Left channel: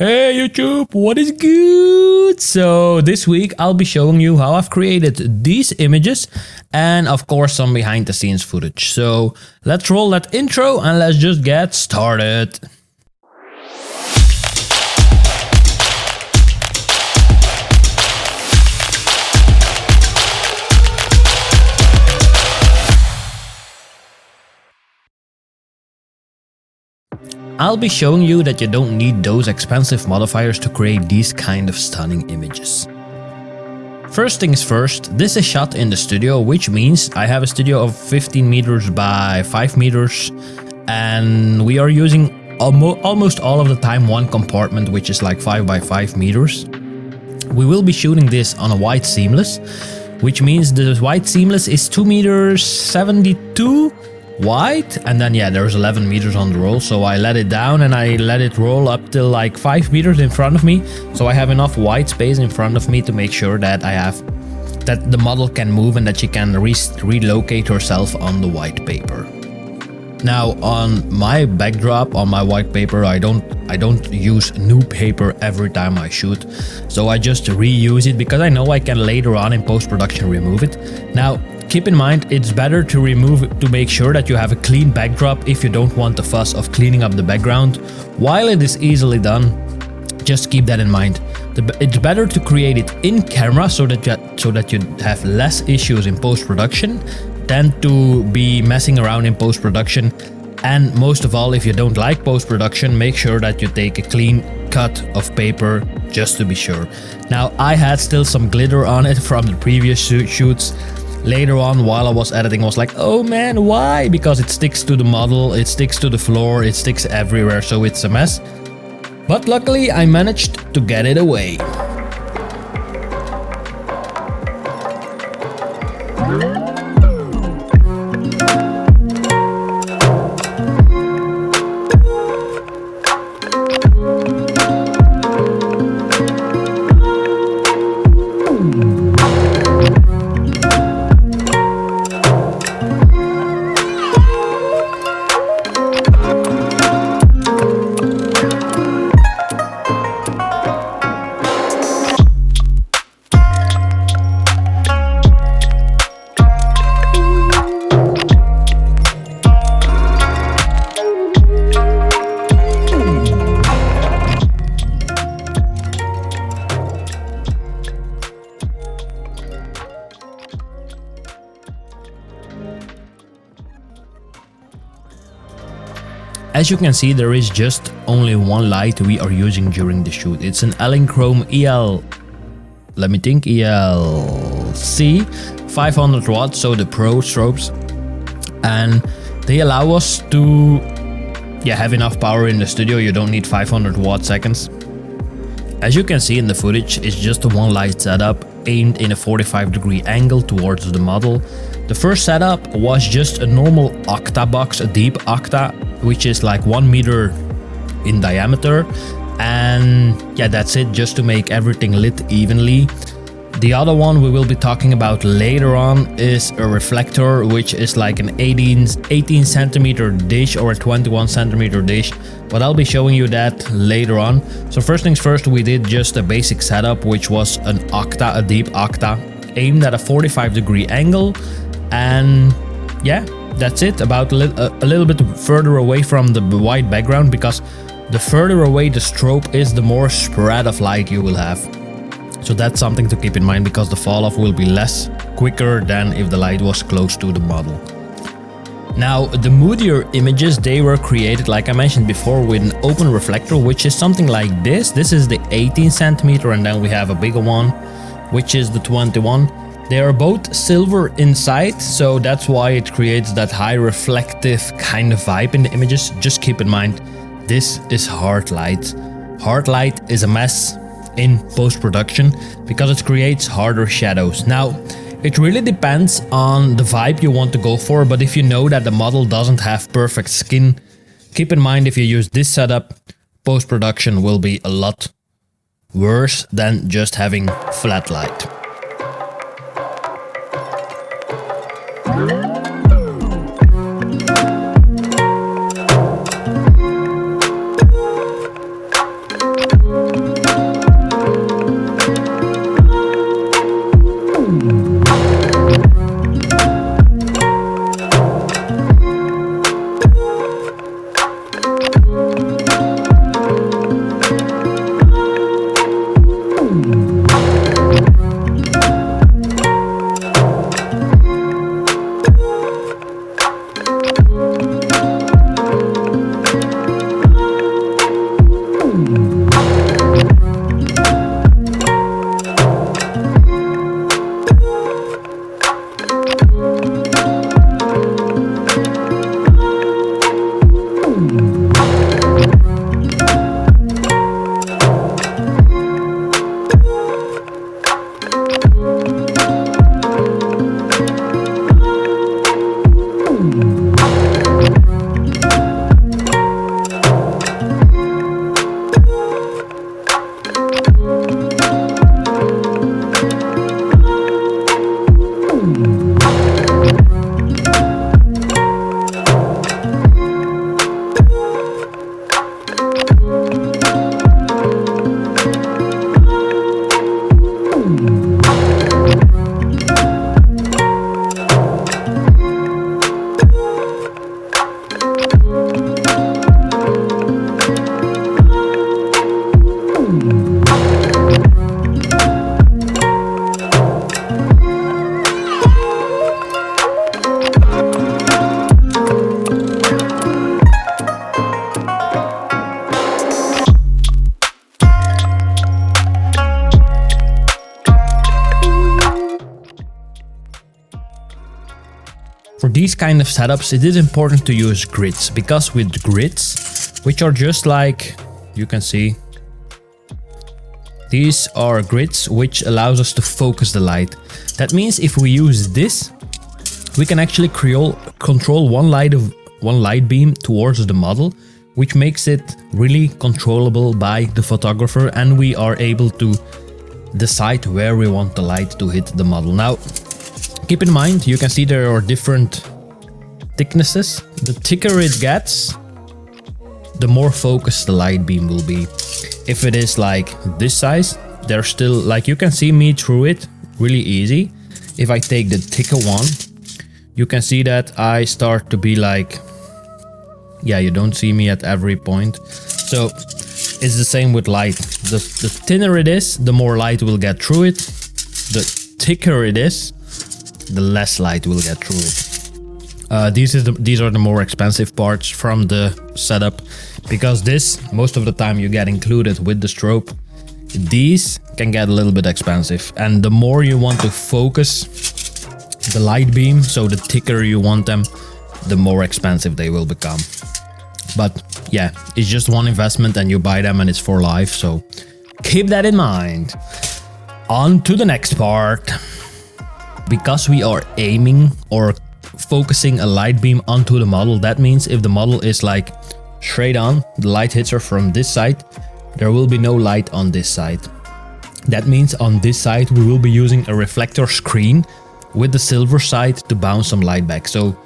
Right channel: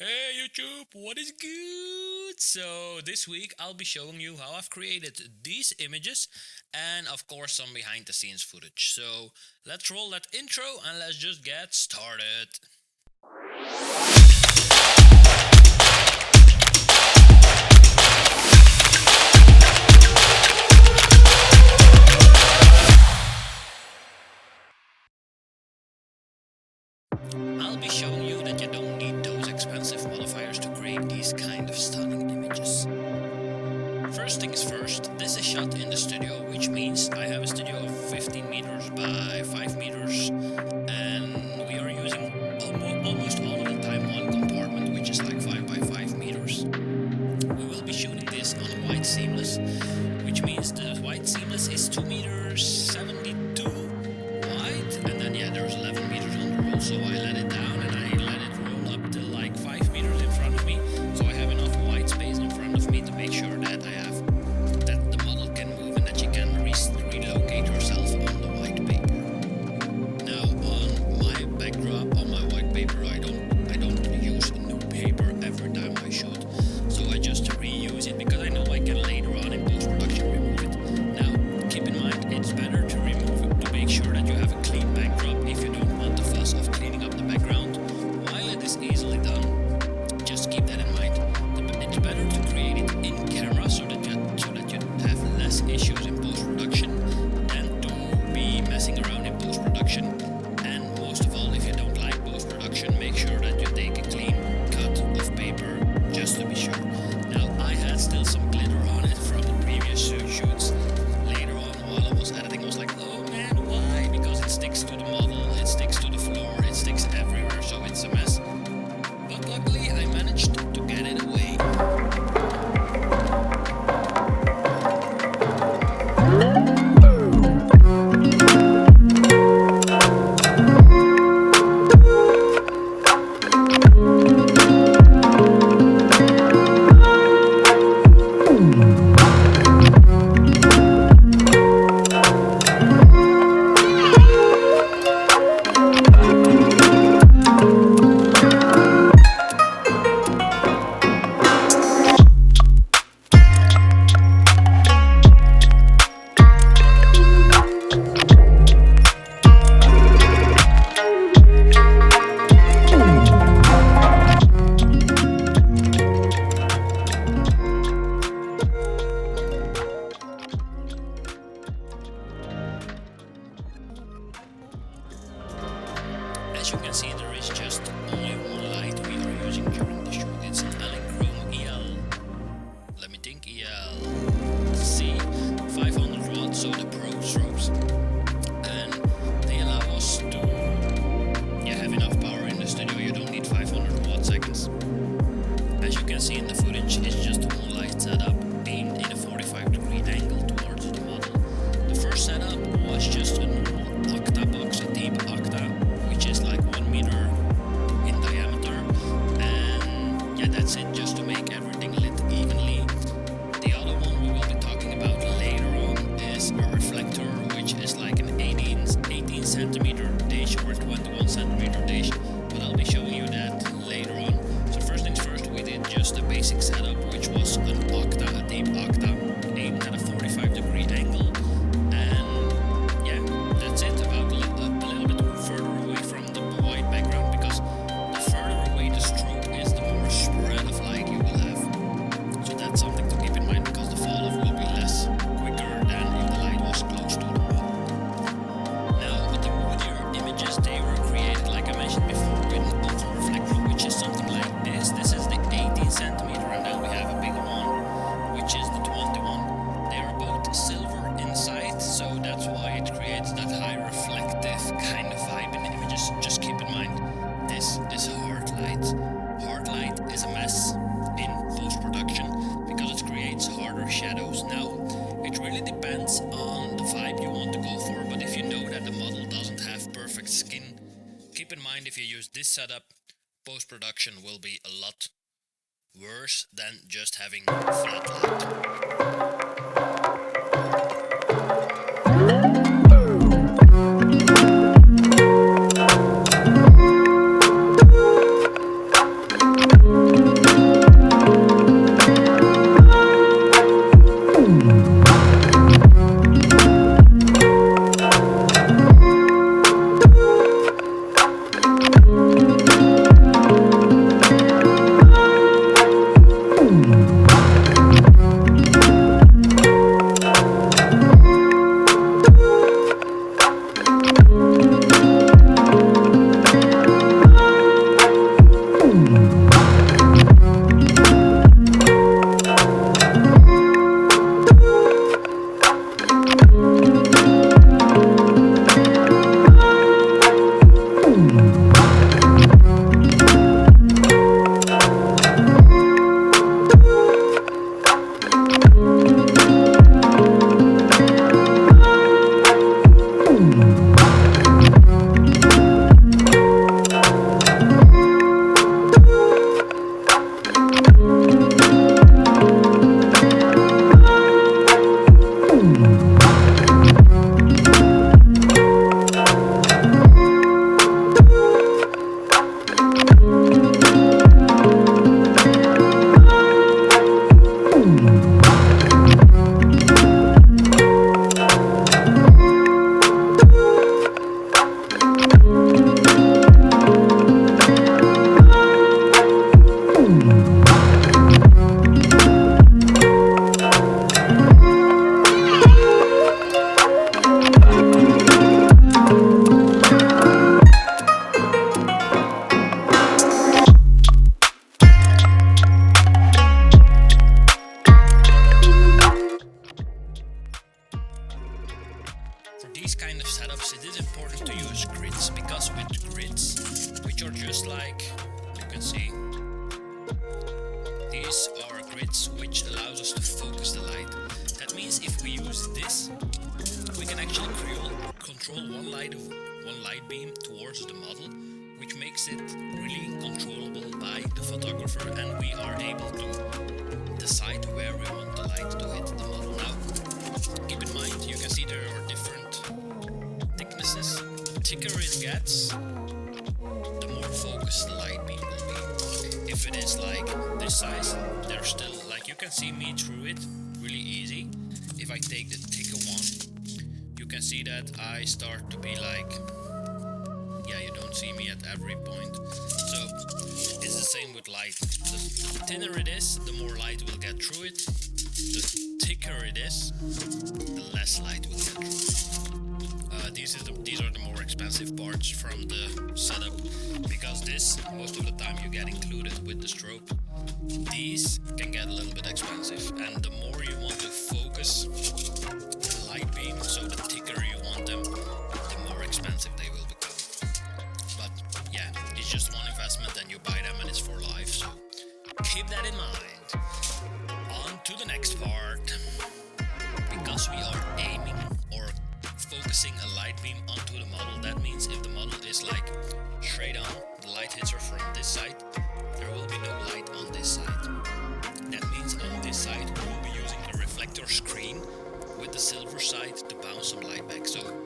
Hey YouTube, what is good? So this week I'll be showing you how I've created these images and of course some behind the scenes footage. So let's roll that intro and let's just get started. I'll be showing you that you don't need those expensive modifiers to create these kind of stunning images. First things first, this is shot in the studio, which means I have a studio of 15 meters by 5 meters and we are using almost all of the time one compartment, which is like 5 by 5 meters. We will be shooting this on a white seamless, which means the white seamless is 2 meters 72 wide, and then there's 11 meters on the roll, so I let it down and I let it roll up till like 5 meters in front of me, so I have enough white space in front of me to make sure that that the model can move and that she can relocate herself on the white paper. Now on my backdrop, on my white paper, I don't use new paper every time I shoot, so I just reuse it because I know I can later on in post-production remove it. Now keep in mind, it's better to remove it to make sure that you have a clean backdrop if you don't want the fuss of cleaning up the background. While it is easily done, just keep that in mind. It's better to create it in camera so that you have less issues in post-production than to be messing around in post-production. And most of all, if you don't like post-production, make sure that you take a clean cut of paper just to be sure. Now I had still some glitter on it from the previous shoots. Later on, while I was editing, I was like, oh man, why? Because it sticks to the model, it sticks to the floor, it sticks everywhere, so it's a mess. But luckily, I managed to get it away. As you can see, there is just only one light we are using during the shoot. It's an Elinchrom ELC 500 watts, so the pro strobes, and they allow us to have enough power in the studio. You don't need 500 watt seconds. As you can see in the footage, it's just a one light setup aimed in a 45-degree angle towards the model. The first setup was just a normal octa box, a deep octa, which is like 1 meter in diameter, and that's it, just to make everything lit evenly. The other one we will be talking about later on is a reflector, which is like an 18 centimeter dish or a 21 centimeter dish, but I'll be showing you that later on. So first things first, we did just a basic setup, which was an octa, a deep octa, aimed at a 45-degree angle, and that's it. About a little bit further away from the white background, because the further away the strobe is, the more spread of light you will have. So that's something to keep in mind, because the fall off will be quicker than if the light was close to the model. Now the moodier images, they were created, like I mentioned before, with an open reflector, which is something like this. This is the 18 centimeter, and then we have a bigger one, which is the 21. They are both silver inside, so that's why it creates that high reflective kind of vibe in the images. Just keep in mind, this is hard light. Hard light is a mess in post-production because it creates harder shadows. Now, it really depends on the vibe you want to go for, but if you know that the model doesn't have perfect skin, keep in mind if you use this setup, post-production will be a lot worse than just having flat light. these kind of setups, it is important to use grids, because with grids, which are just like, you can see, these are grids which allows us to focus the light. That means if we use this, we can actually control one light beam towards the model, which makes it really controllable by the photographer, and we are able to decide where we want the light to hit the model. Now, keep in mind, you can see there are different thicknesses. The thicker it gets, the more focused the light beam will be. If it is like this size, there's still, like, you can see me through it really easy. If I take the thicker one, you can see that I start to be like, yeah, you don't see me at every point. So it's the same with light. The thinner it is, the more light will get through it. The thicker it is, the less light will get through it. These are the more expensive parts from the setup, because this, most of the time you get included with the strobe. These can get a little bit expensive, and the more you want to focus the light beam, so the thicker you want them, the more expensive they will become. But yeah, it's just one investment and you buy them and it's for life, so keep that in mind. On to the next part. Because we are aiming or focusing a light beam onto the model, that means if the model is like straight on, the light hits her from this side, there will be no light on this side. That means on this side we will be using a reflector screen with the silver side to bounce some light back. So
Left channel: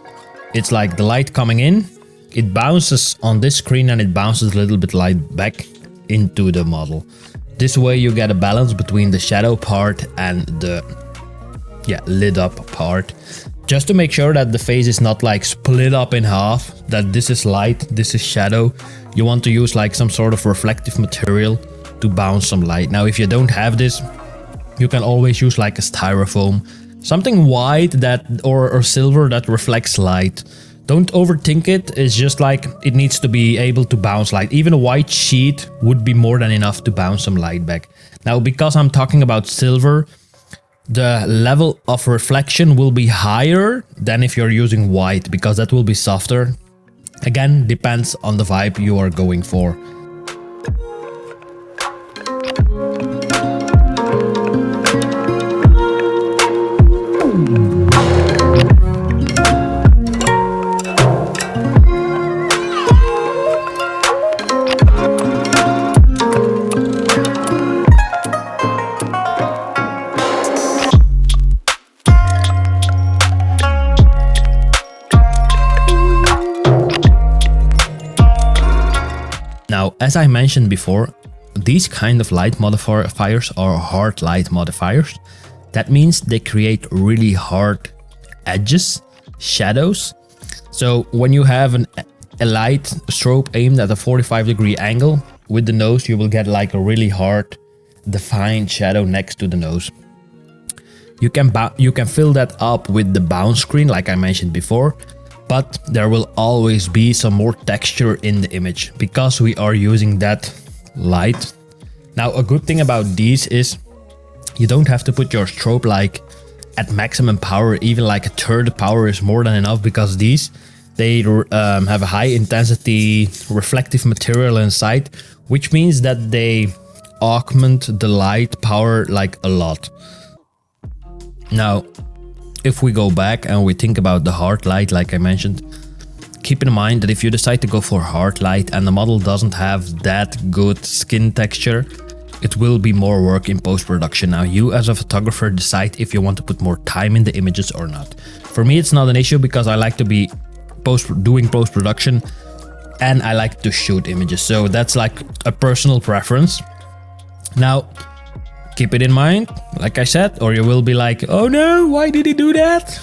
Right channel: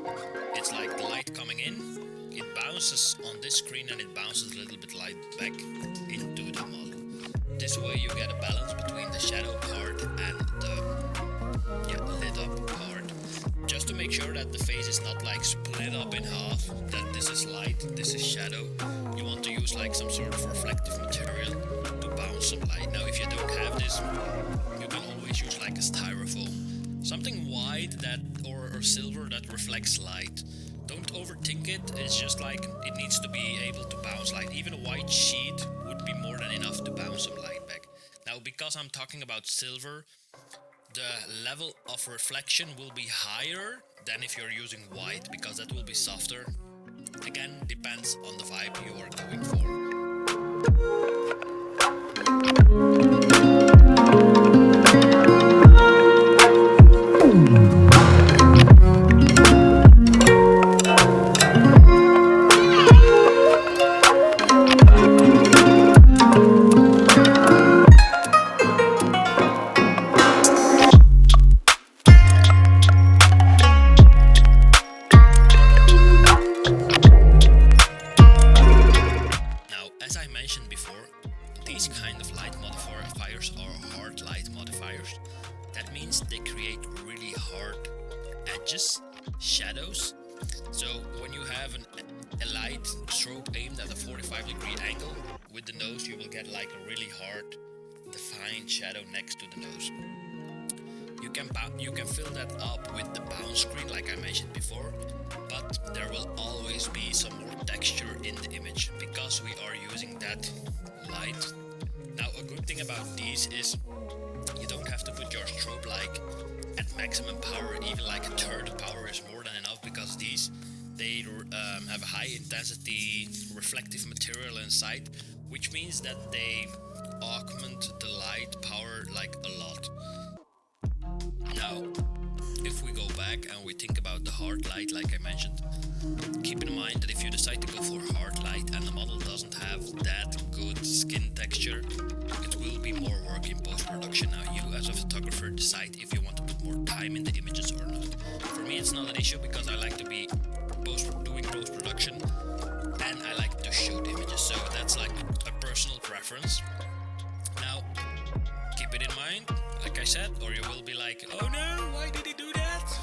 it's like the light coming in, it bounces on this screen and it bounces a little bit light back into the model. This way you get a balance between the shadow part and the lit up part, just to make sure that the face is not like split up in half, that this is light, this is shadow. You want to use like some sort of reflective material to bounce some light. Now if you don't have this, you can always use like a styrofoam, something white that or silver that reflects light. Don't overthink it. It's just like it needs to be able to bounce light. Even a white sheet would be more than enough to bounce some light back. Now, because I'm talking about silver, the level of reflection will be higher than if you're using white, because that will be softer. Again, depends on the vibe you are going for. Now, as I mentioned before, these kind of light modifiers are hard light modifiers. That means they create really hard edges, shadows. So when you have a light strobe aimed at a 45-degree angle with the nose, you will get like a really hard defined shadow next to the nose. You can fill that up with the bounce screen like I mentioned before, but there will always be some more texture in the image because we are using that light. Now, a good thing about these is you don't have to put your strobe like at maximum power. Even like a third power is more than enough, because they have a high intensity reflective material inside, which means that they augment the light power like a lot. Now, if we go back and we think about the hard light, like I mentioned, keep in mind that if you decide to go for hard light and the model doesn't have that good skin texture, it will be more work in post-production. Now, you as a photographer decide if you want to put more time in the images or not. For me, it's not an issue because I like to be doing post-production and I like to shoot images. So that's like a personal preference. Now, keep it in mind, like I said, or you will be like, oh no, why did he do that?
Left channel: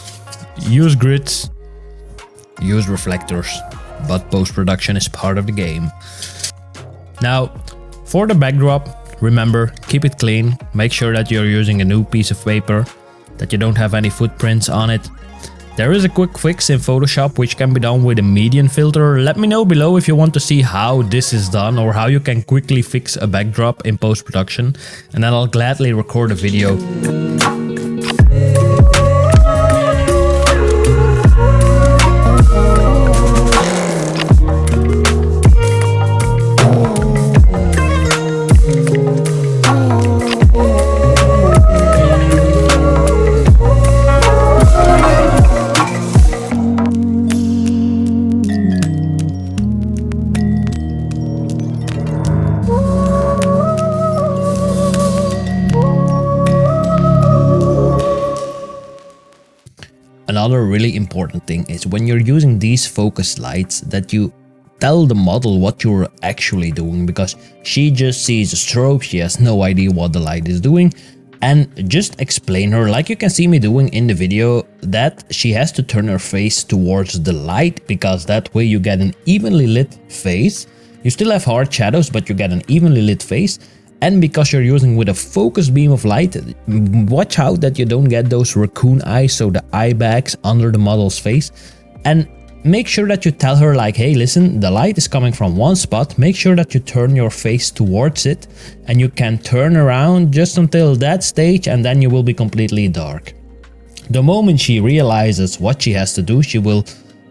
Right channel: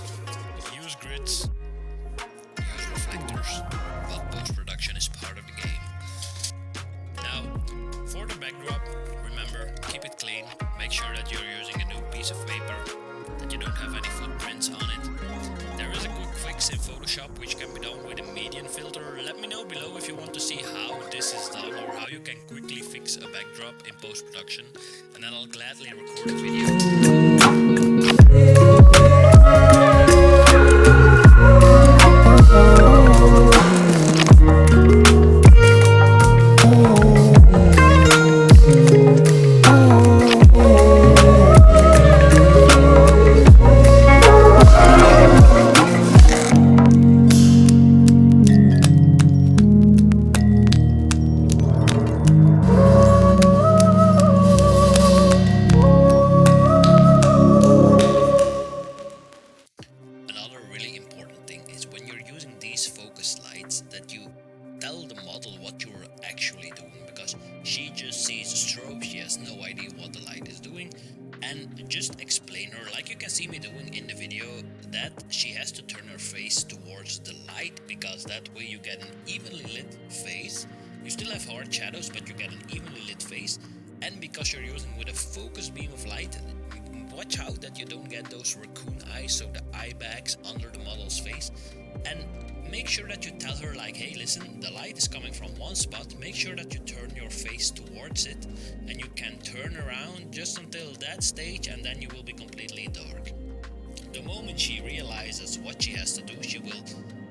Use grids, use reflectors, but post-production is part of the game. Now, for the backdrop, remember, keep it clean. Make sure that you're using a new piece of paper, that you don't have any footprints on it. There is a quick fix in Photoshop which can be done with a median filter. Let me know below if you want to see how this is done or how you can quickly fix a backdrop in post-production, and then I'll gladly record a video. another really important thing is when you're using these focus lights that you tell the model what you're actually doing, because she just sees a strobe, she has no idea what the light is doing. And just explain her, like you can see me doing in the video, that she has to turn her face towards the light, because that way you get an evenly lit face. You still have hard shadows, but you get an evenly lit face. And because you're using with a focus beam of light, watch out that you don't get those raccoon eyes, so the eye bags under the model's face. And make sure that you tell her like, hey, listen, the light is coming from one spot, make sure that you turn your face towards it, and you can turn around just until that stage, and then you will be completely dark. The moment she realizes what she has to do, she will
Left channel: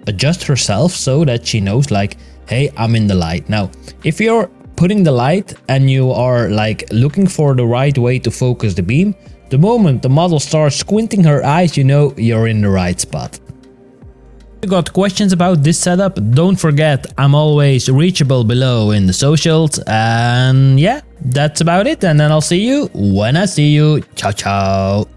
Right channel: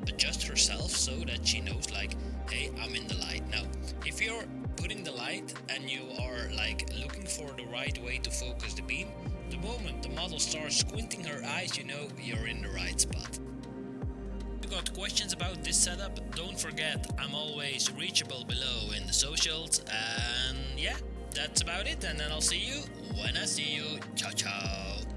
adjust herself so that she knows like, hey, I'm in the light. Now, if you're putting the light and you are like looking for the right way to focus the beam, the moment the model starts squinting her eyes, you know you're in the right spot. If you got questions about this setup, don't forget I'm always reachable below in the socials. And yeah, that's about it, and then I'll see you when I see you. Ciao ciao.